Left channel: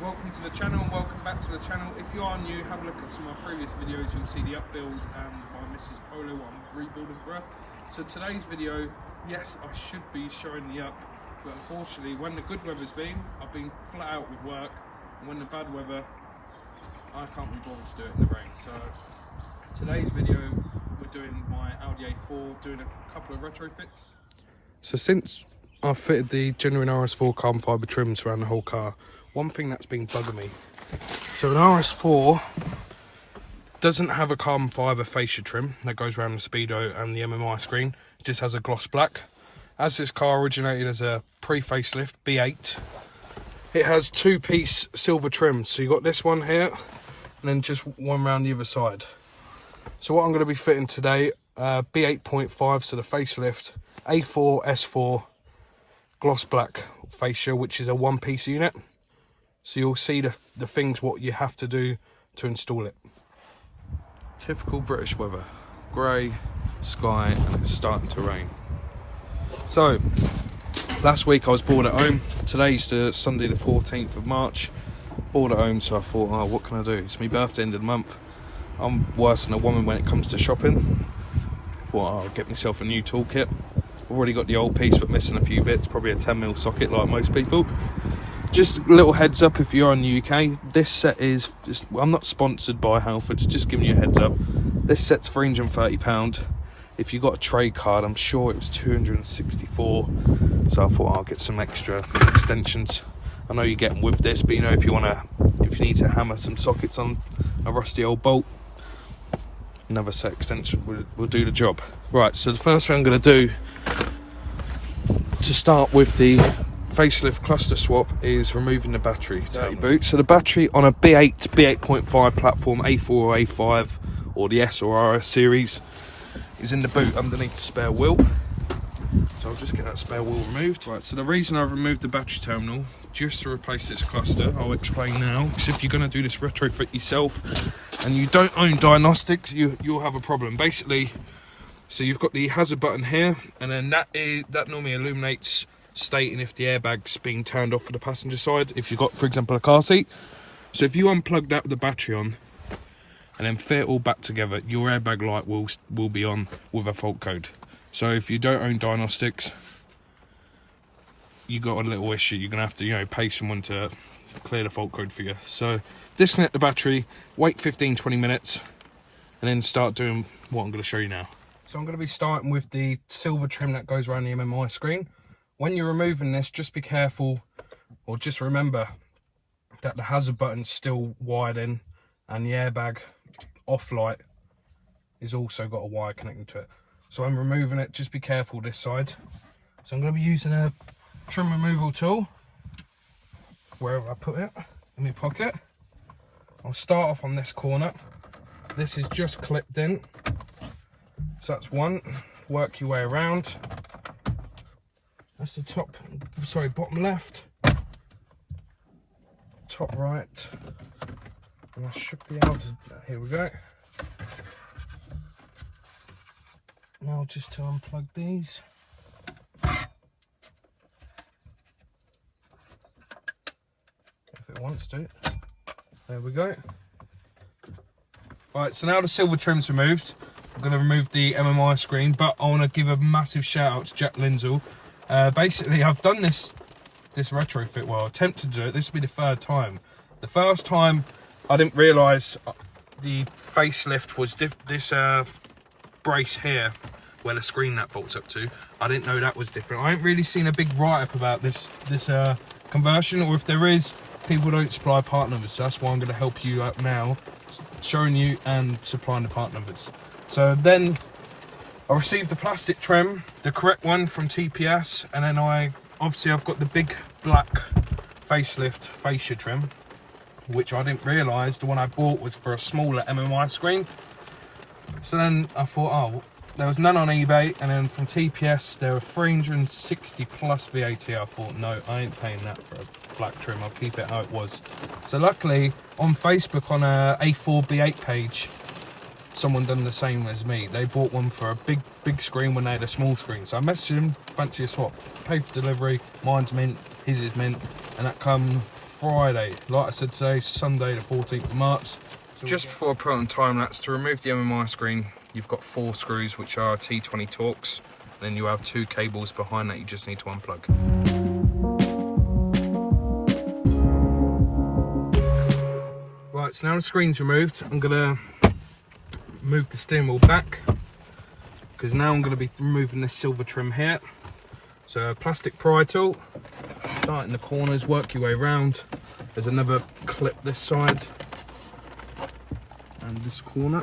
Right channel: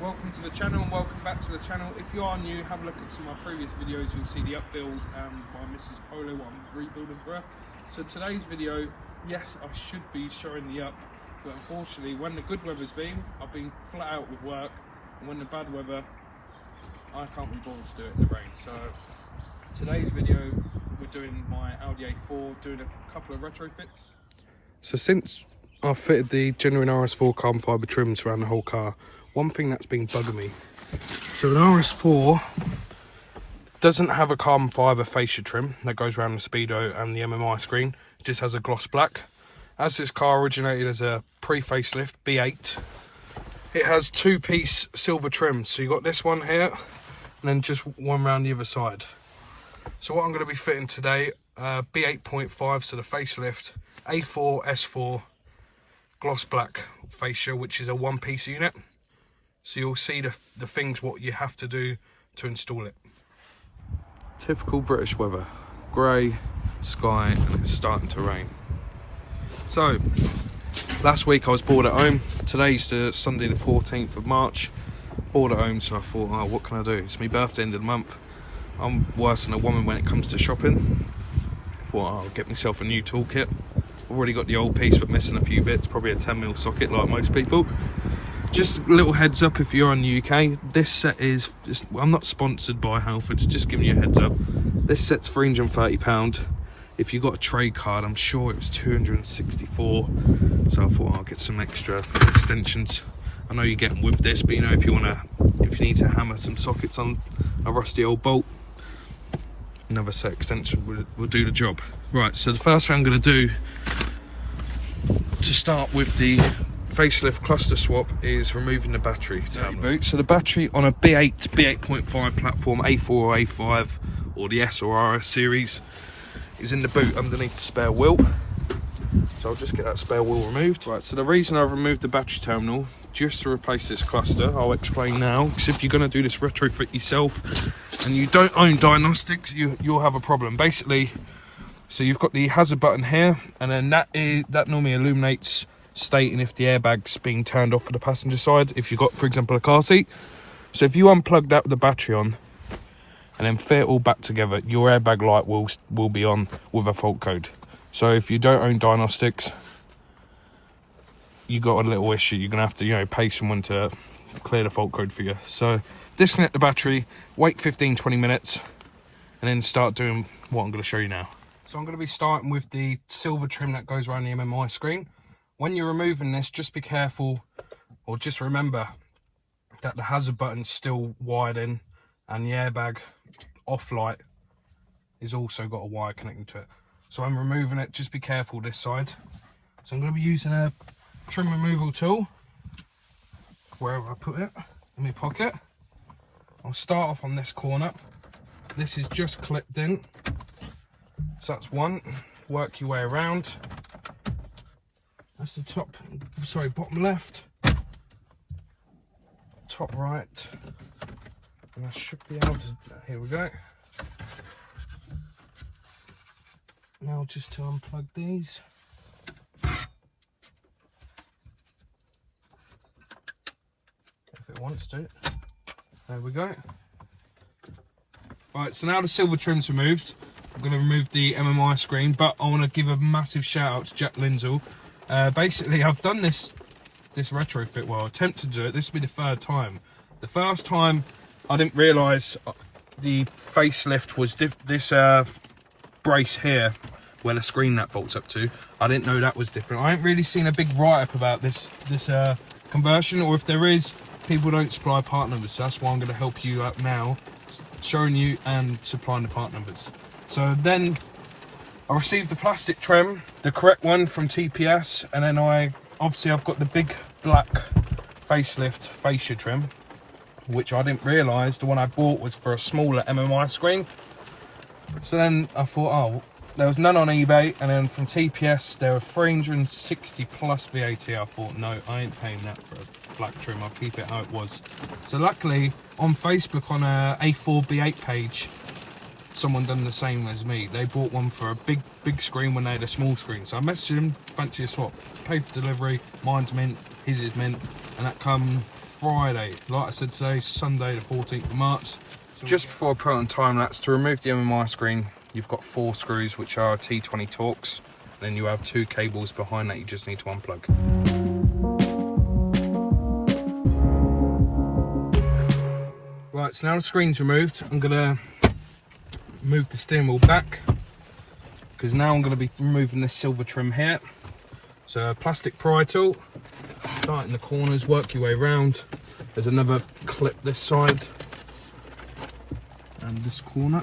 Welcome to the channel and welcome back to the channel. If you are new, have a look at some of my previous videos. You'll see the upbuild by Mrs. Polo, what I'm rebuilding for her. So today's video, yes, I should be showing the up, but unfortunately when the good weather's been, I've been flat out with work, and when the bad weather, I can't be bothered to do it in the rain. So today's video, we're doing my Audi A4, doing a couple of retrofits. So since I've fitted the genuine RS4 carbon fibre trims around the whole car, one thing that's been bugging me, so the RS4 doesn't have a carbon fibre fascia trim that goes around the Speedo and the MMi screen. It just has a gloss black. As this car originated as a pre-facelift B8, it has two-piece silver trims. So you got this one here, and then just one round the other side. So what I'm going to be fitting today, B8.5, so the facelift, A4, S4, gloss black fascia, which is a one-piece unit. So you'll see the things what you have to do to install it. Typical British weather, grey sky, and it's starting to rain. So last week I was bored at home. Today's the Sunday the 14th of March. Bored at home, so I thought, oh, what can I do? It's my birthday end of the month. I'm worse than a woman when it comes to shopping. I thought, oh, I'll get myself a new toolkit. I've already got the old piece but missing a few bits, probably a 10mm socket like most people. Just a little heads up if you're in the UK, this set is, I'm not sponsored by Halford, just giving you a heads up. This set's £330. If you got a trade card, I'm sure it was 264. So I thought I'll get some extra extensions. I know you get them with this, but you know, if you need to hammer some sockets on a rusty old bolt, another set extension will do the job. Right, so the first thing I'm going to do to start with the facelift cluster swap is removing the battery terminal. So the battery on a B8, B8.5 platform, A4 or A5, or the S or RS series, is in the boot underneath the spare wheel. So I'll just get that spare wheel removed. Right, so the reason I've removed the battery terminal, just to replace this cluster, I'll explain now, because if you're going to do this retrofit yourself, and you don't own diagnostics, you'll have a problem. Basically, so you've got the hazard button here, and then that normally illuminates, stating if the airbag's being turned off for the passenger side, if you've got, for example, a car seat. So if you unplug that with the battery on and then fit it all back together, your airbag light will be on with a fault code. So if you don't own diagnostics, you got a little issue. You're gonna have to, pay someone to clear the fault code for you. So disconnect the battery, wait 15-20 minutes, and then start doing what I'm going to show you now. So I'm going to be starting with the silver trim that goes around the MMi screen. When you're removing this, just be careful, or just remember that the hazard button's still wired in, and the airbag off light is also got a wire connecting to it. So I'm removing it, just be careful this side. So I'm going to be using a trim removal tool, wherever I put it, in my pocket. I'll start off on this corner. This is just clipped in. So that's one, work your way around. That's the bottom left, top right, and I should be able to, here we go. Now just to unplug these. If it wants to. There we go. Right, so now the silver trim's removed. I'm going to remove the MMi screen, but I want to give a massive shout out to Jack Lindsell. Basically, I've done this retrofit, well, attempted to do it. This will be the third time. The first time, I didn't realise the facelift was this brace here, where the screen that bolts up to. I didn't know that was different. I ain't really seen a big write-up about this conversion, or if there is, people don't supply part numbers. So that's why I'm going to help you out now, showing you and supplying the part numbers. So then I received the plastic trim, the correct one from TPS, and then I've got the big black facelift fascia trim, which I didn't realise the one I bought was for a smaller MMi screen. So then I thought, oh, there was none on eBay, and then from TPS there were 360 plus VAT. I thought, no, I ain't paying that for a black trim, I'll keep it how it was. So luckily on Facebook, on a A4 B8 page, someone done the same as me. They bought one for a big screen when they had a small screen. So I messaged him, fancy a swap, paid for delivery, mine's mint, his is mint, and that come Friday. Like I said, today's Sunday the 14th of March. So just before I put it on time lapse, to remove the MMi screen, you've got 4 screws which are T20 Torx. Then you have 2 cables behind that you just need to unplug. Right, so now the screen's removed, I'm gonna move the steering wheel back, because now I'm gonna be removing this silver trim here. So a plastic pry tool, start in the corners, work your way around. There's another clip this side and this corner.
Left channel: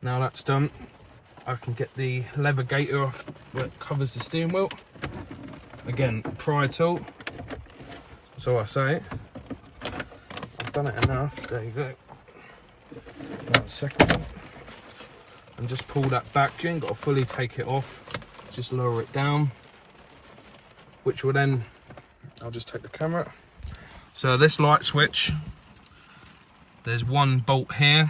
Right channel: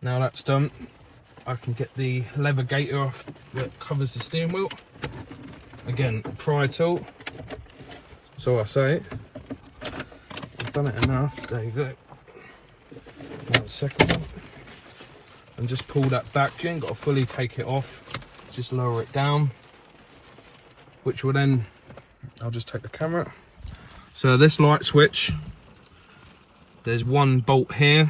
Now that's done, I can get the lever gaiter off that covers the steering wheel. Again, pry tool. So I say, I've done it enough. There you go. Now the second one. And just pull that back. You ain't got to fully take it off. Just lower it down. Which will then, I'll just take the camera. So this light switch, there's one bolt here.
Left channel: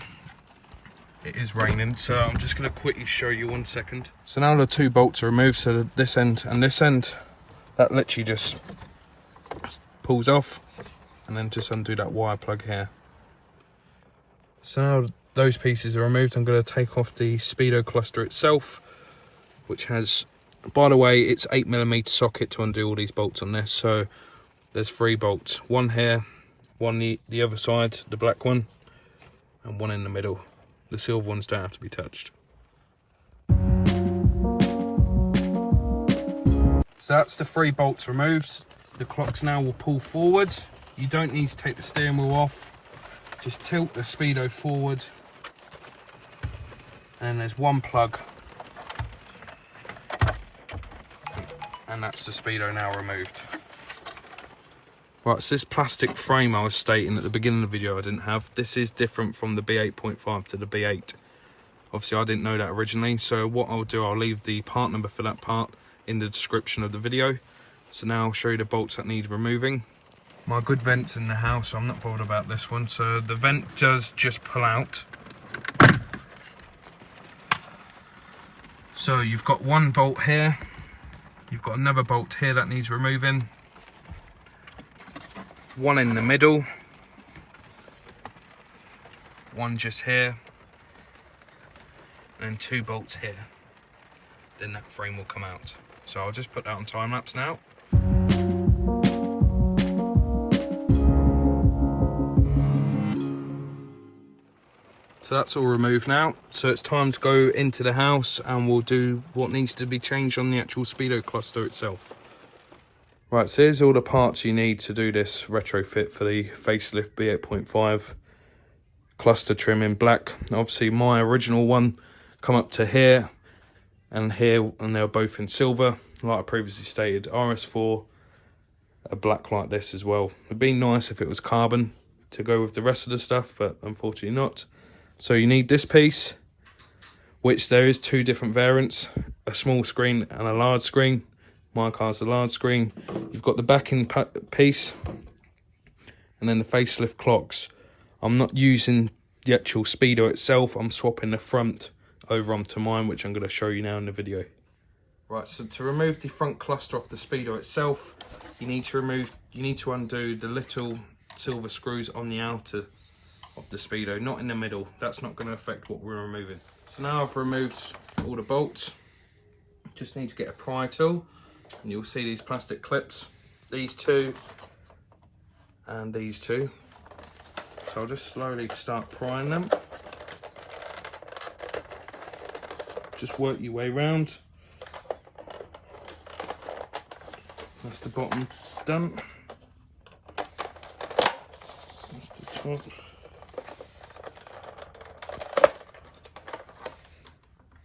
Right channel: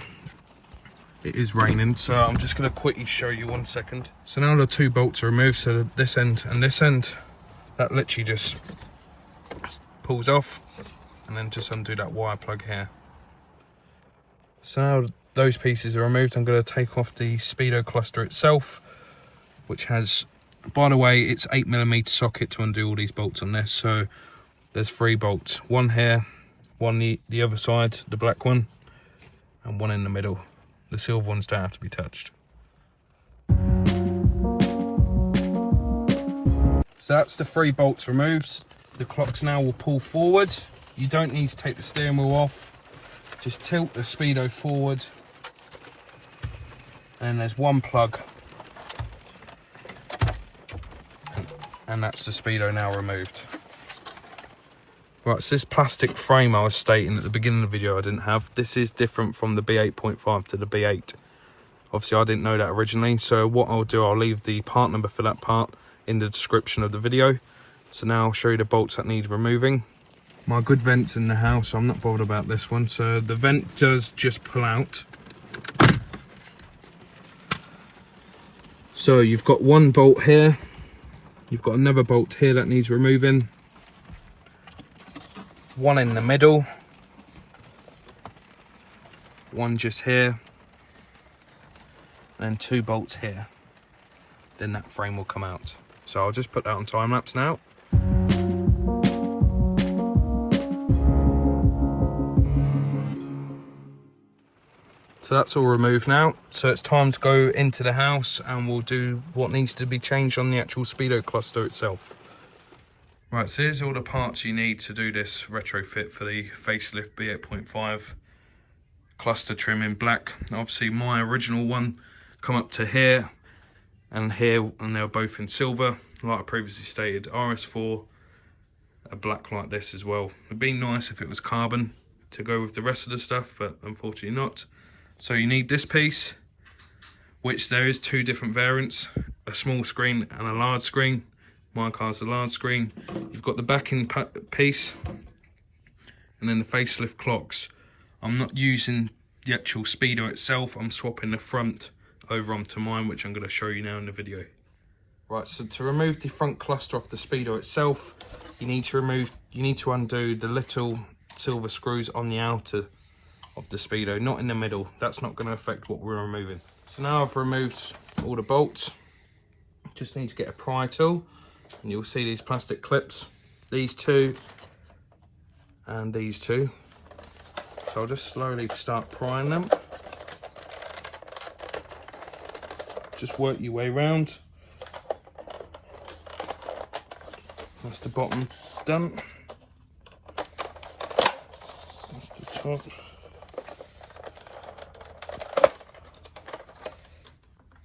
It is raining, so I'm just going to quickly show you 1 second. So now the 2 bolts are removed, so this end and this end, that literally just pulls off, and then just undo that wire plug here. So now those pieces are removed, I'm going to take off the Speedo cluster itself, which has, by the way, it's 8mm socket to undo all these bolts on this. So there's 3 bolts, one here, one the other side, the black one, and one in the middle. The silver ones don't have to be touched. So that's the 3 bolts removed. The clocks now will pull forward. You don't need to take the steering wheel off. Just tilt the Speedo forward. And there's one plug. And that's the Speedo now removed. Right, so this plastic frame I was stating at the beginning of the video I didn't have. This is different from the B8.5 to the B8. Obviously I didn't know that originally. So what I'll do, I'll leave the part number for that part in the description of the video. So now I'll show you the bolts that need removing. My good vent's in the house, so I'm not bothered about this one. So the vent does just pull out. So you've got one bolt here. You've got another bolt here that needs removing. One in the middle. One just here. And 2 bolts here. Then that frame will come out. So I'll just put that on time lapse now. So that's all removed now. So it's time to go into the house and we'll do what needs to be changed on the actual Speedo cluster itself. Right, so here's all the parts you need to do this retrofit for the Facelift B8.5 cluster trim in black. Obviously my original one come up to here, and they're both in silver. Like I previously stated, RS4 a black like this as well. It'd be nice if it was carbon to go with the rest of the stuff, but unfortunately not. So you need this piece, which there is 2 different variants, a small screen and a large screen. My car's the large screen. You've got the backing piece and then the facelift clocks. I'm not using the actual Speedo itself, I'm swapping the front over onto mine, which I'm going to show you now in the video. Right, so to remove the front cluster off the Speedo itself, you need to undo the little silver screws on the outer of the Speedo, not in the middle. That's not going to affect what we're removing. So now I've removed all the bolts. Just need to get a pry tool, and you'll see these plastic clips, these 2 and these 2. So I'll just slowly start prying them. Just work your way around. That's the bottom done. That's the top.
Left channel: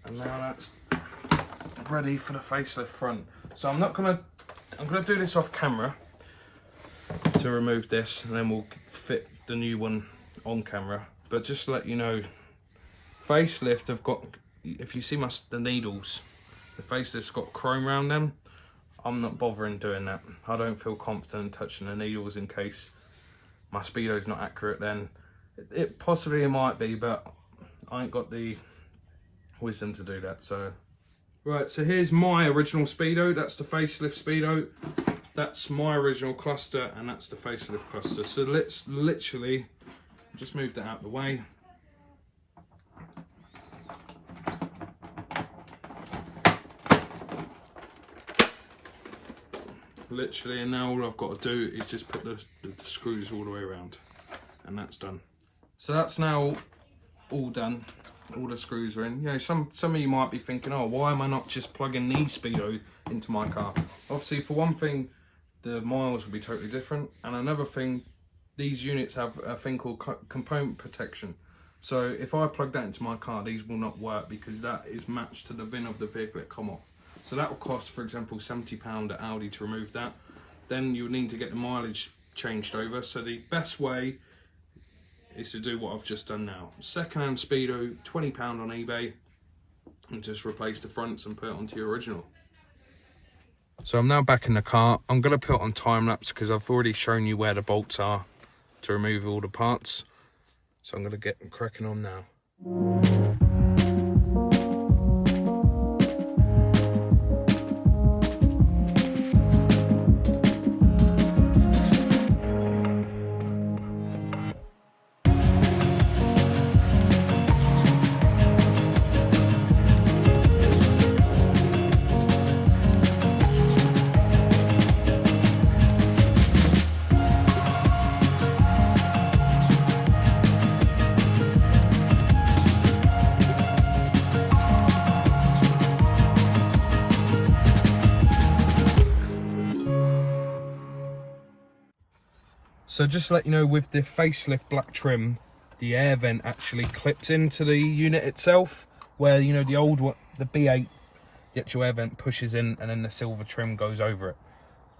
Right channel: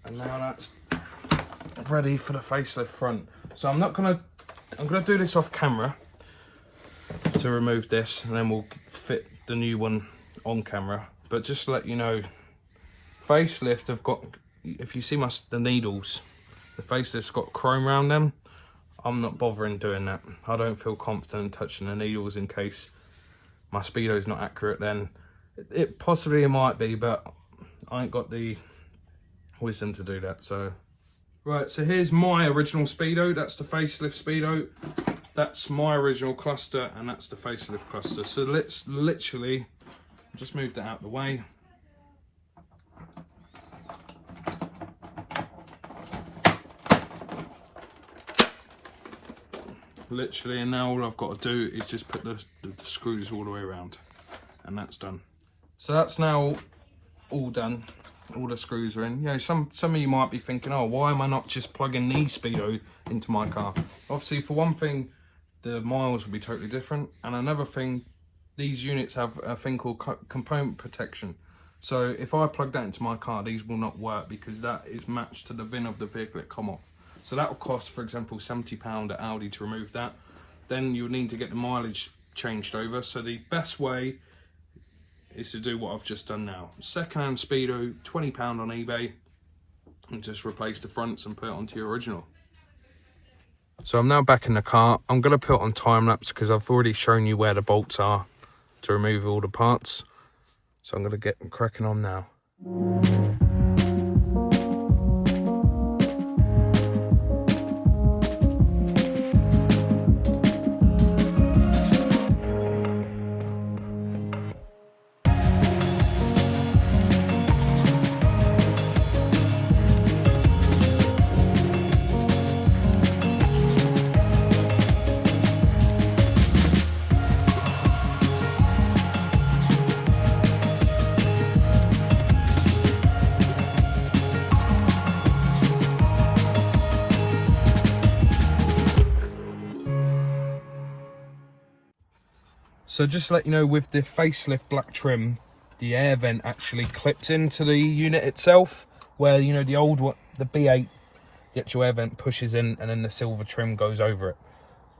And now that's ready for the facelift front. So I'm gonna do this off camera to remove this, and then we'll fit the new one on camera. But just to let you know, facelift have got, if you see the needles, the facelift's got chrome around them. I'm not bothering doing that. I don't feel confident in touching the needles in case my Speedo's not accurate then. It possibly might be, but I ain't got the wisdom to do that, so Right, so here's my original Speedo. That's the facelift Speedo. That's my original cluster, and that's the facelift cluster. So let's literally just move that out of the way. Literally, and now all I've got to do is just put the screws all the way around, and that's done. So that's now all done. All the screws are in. You know, some of you might be thinking, oh, why am I not just plugging these Speedo into my car? Obviously, for one thing, the miles will be totally different, and another thing, these units have a thing called component protection. So if I plug that into my car, these will not work because that is matched to the VIN of the vehicle that come off. So that will cost, for example, £70 at Audi to remove that. Then you'll need to get the mileage changed over. So the best way is to do what I've just done now. Second-hand Speedo, £20 on eBay, and just replace the fronts and put it onto your original. So I'm now back in the car. I'm going to put it on time lapse because I've already shown you where the bolts are to remove all the parts. So I'm going to get cracking on now. So just to let you know, with the facelift black trim, the air vent actually clips into the unit itself, where, you know, the old one, the B8, the actual air vent pushes in and then the silver trim goes over it.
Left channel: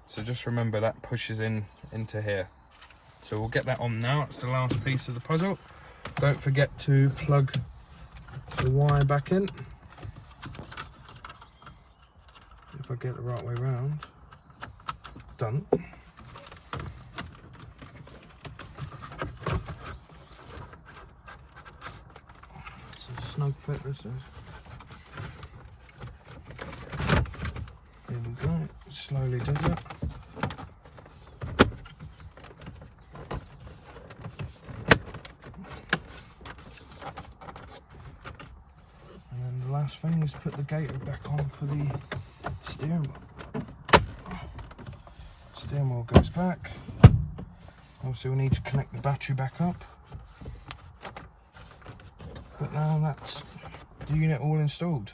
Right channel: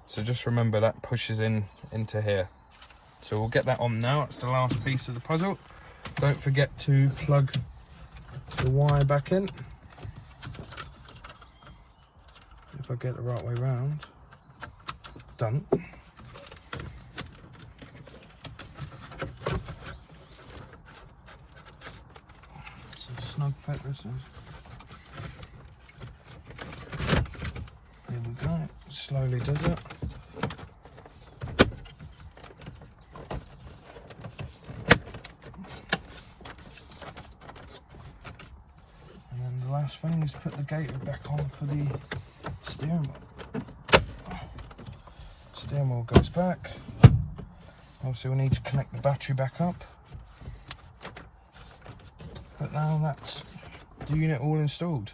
So just remember that pushes in into here. So we'll get that on now. It's the last piece of the puzzle. Don't forget to plug the wire back in. If I get it the right way around. Done. Snug fit this is. There we go. Slowly does it. And then the last thing is put the gaiter back on for the steering wheel. Steering wheel goes back. Obviously we need to connect the battery back up. But now that's the unit all installed.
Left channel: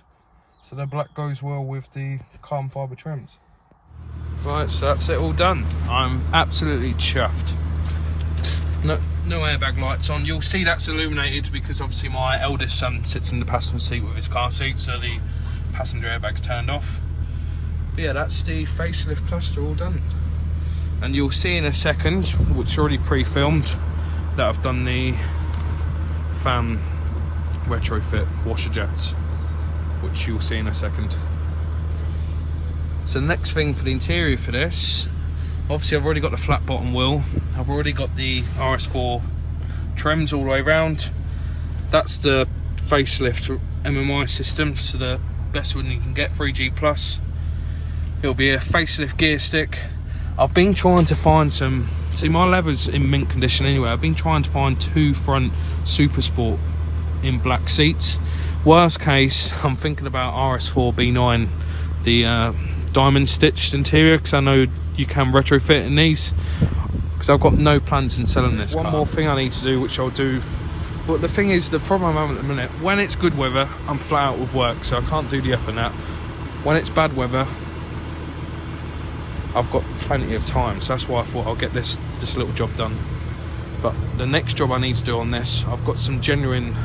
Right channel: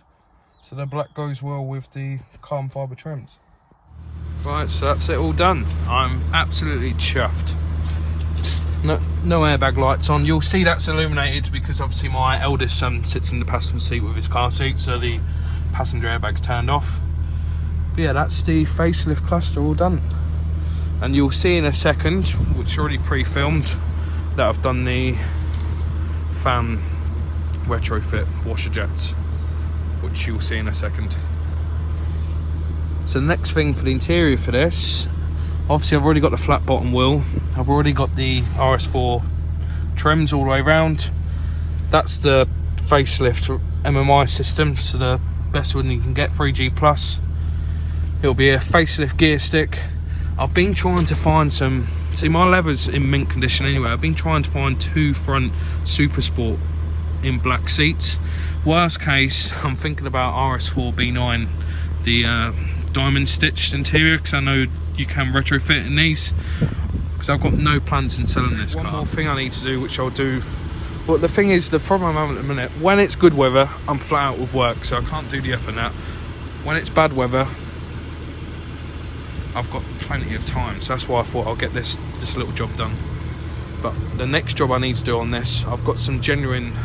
So the black goes well with the carbon fibre trims. Right, so that's it all done. I'm absolutely chuffed. No airbag lights on. You'll see that's illuminated because obviously my eldest son sits in the passenger seat with his car seat, so the passenger airbag's turned off. But yeah, that's the facelift cluster all done. And you'll see in a second, which is already pre-filmed, that I've done the fan retrofit washer jets, which you'll see in a second. So the next thing for the interior for this, obviously I've already got the flat bottom wheel, I've already got the RS4 trims all the way around. That's the facelift MMi system, so the best one you can get, 3G plus. It'll be a facelift gear stick. I've been trying to find some, see my leather's in mint condition anyway, I've been trying to find two front Super Sport in black seats. Worst case, I'm thinking about RS4 B9, the diamond stitched interior, because I know you can retrofit in these, because I've got no plans in selling this car. One more thing I need to do, which I'll do, but the thing is, the problem I'm having at the minute, when it's good weather, I'm flat out with work, so I can't do the up and that. When it's bad weather, I've got plenty of time, so that's why I thought I'll get this little job done. But the next job I need to do on this, I've got some genuine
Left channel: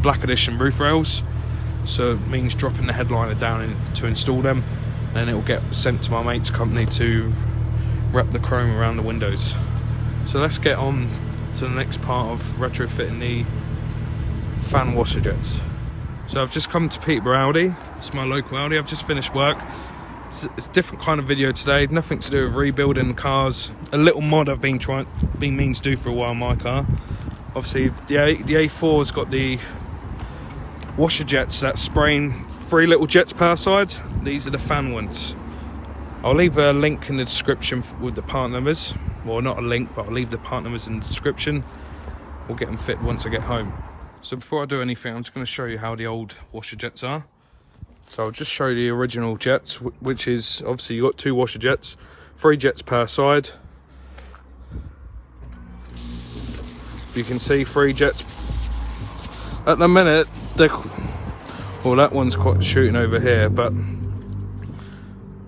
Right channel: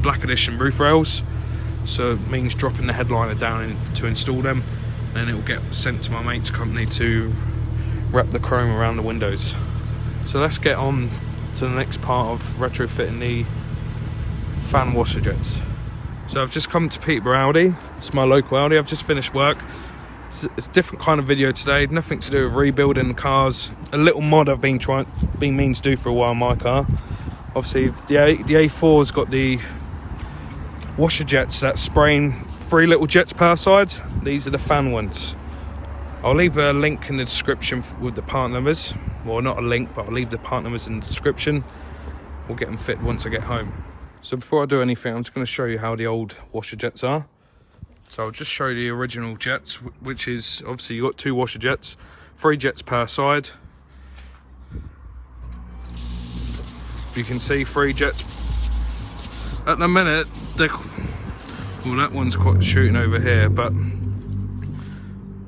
black edition roof rails, so it means dropping the headliner down to install them, and it will get sent to my mate's company to wrap the chrome around the windows. So let's get on to the next part of retrofitting the fan washer jets. So I've just come to Peterborough Audi. It's my local Audi. I've just finished work. It's a different kind of video today, nothing to do with rebuilding cars. A little mod I've been meaning to do for a while in my car. Obviously the A4's got the washer jets that spraying 3 little jets per side. These are the fan ones. I'll leave a link in the description with the part numbers. Well, not a link, but I'll leave the part numbers in the description. We'll get them fitted once I get home. So before I do anything, I'm just going to show you how the old washer jets are. So I'll just show you the original jets, which is obviously you've got 2 washer jets, 3 jets per side. You can see 3 jets. At the minute, well, that one's quite shooting over here, but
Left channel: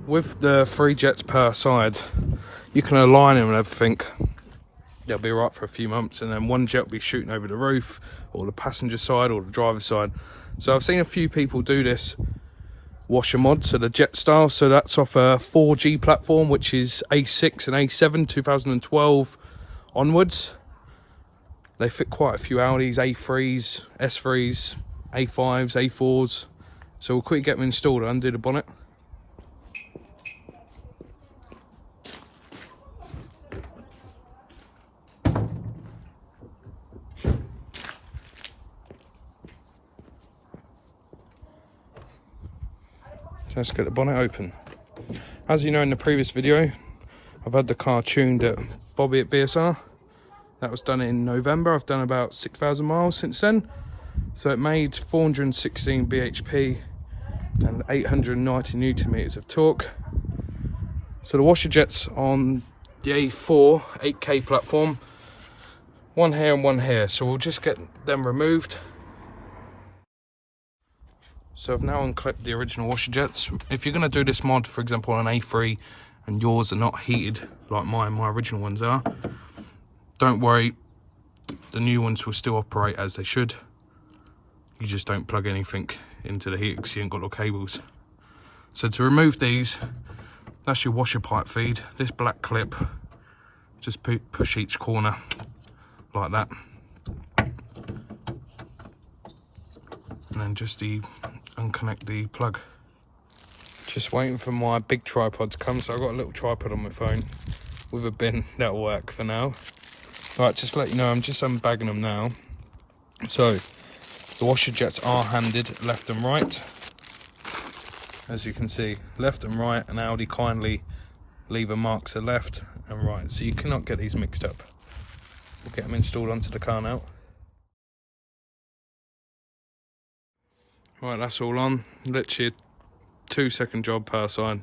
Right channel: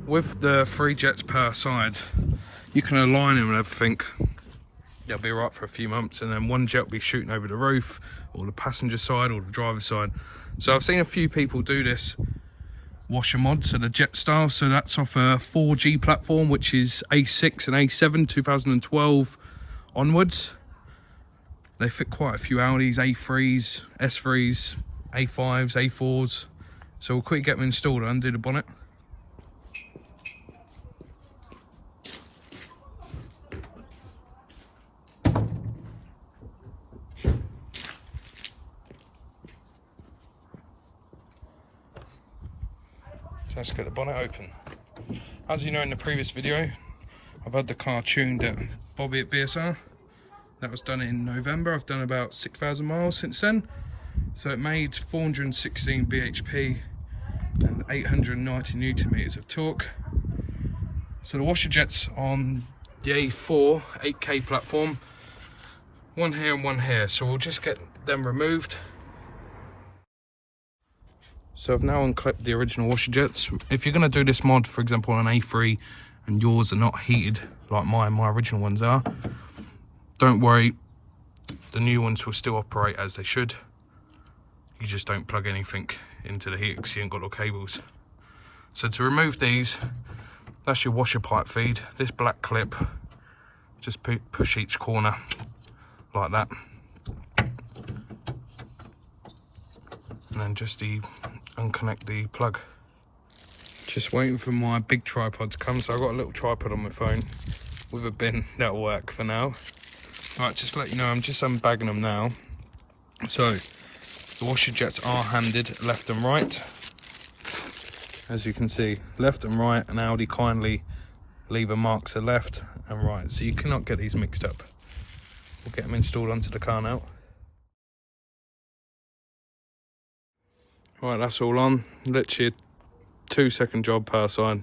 with the 3 jets per side, you can align them and everything. They'll be right for a few months, and then 1 jet will be shooting over the roof, or the passenger side, or the driver's side. So I've seen a few people do this washer mod, so the jet style. So that's off a 4G platform, which is A6 and A7 2012 onwards. They fit quite a few Audis, A3s, S3s, A5s, A4s. So we'll quickly get them installed and undo the bonnet. Let's get the bonnet open. As you know, in the previous video, I've had the car tuned at Bobby at BSR. That was done in November. I've done about 6,000 miles since then. So it made 416 bhp and 890 newton meters of torque. So the washer jets on the A4 8K platform, 1 here and 1 here. So we'll just get them removed. So I've now unclipped the original washer jets. If you're going to do this mod, for example, on an A3 and yours are not heated like my original ones are, don't worry, the new ones will still operate as they should. You just don't plug anything into the heater because you ain't got no cables. So to remove these, that's your washer pipe feed. This black clip, just push each corner like that. And then just unconnect the plug. Just waiting for my big tripod to come. So I've got a little tripod on my phone with a bin. That'll work for now. Right, just to let you know, I'm just unbagging them now. So the washer jets are handed left and right. As you can see, left and right, and Audi kindly leave a marks to left and right. So you cannot get these mixed up. We'll get them installed onto the car now. Right, that's all on. Literally a 2-second job per side.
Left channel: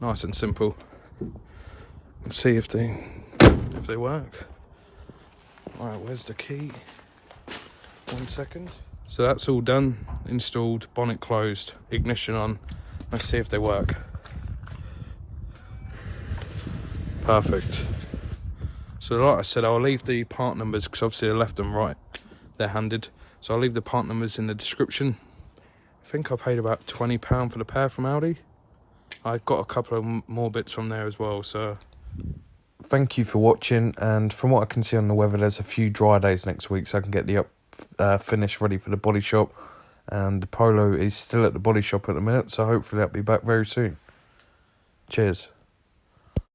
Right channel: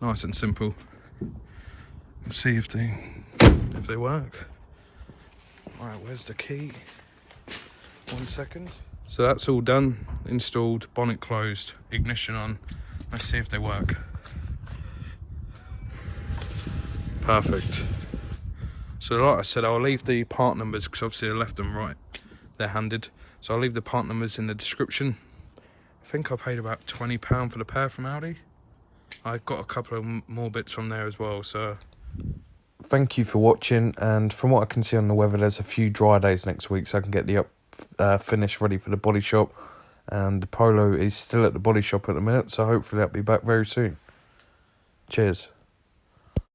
Nice and simple. We'll see if they work. Right, where's the key? 1 second. So that's all done, installed, bonnet closed, ignition on. Let's see if they work. Perfect. So like I said, I'll leave the part numbers, because obviously they're left and right, they're handed. So I'll leave the part numbers in the description. I think I paid about £20 for the pair from Audi. I got a couple of more bits on there as well, so. Thank you for watching, and from what I can see on the weather, there's a few dry days next week, so I can get the finish ready for the body shop. And the Polo is still at the body shop at the minute, so hopefully that'll be back very soon. Cheers.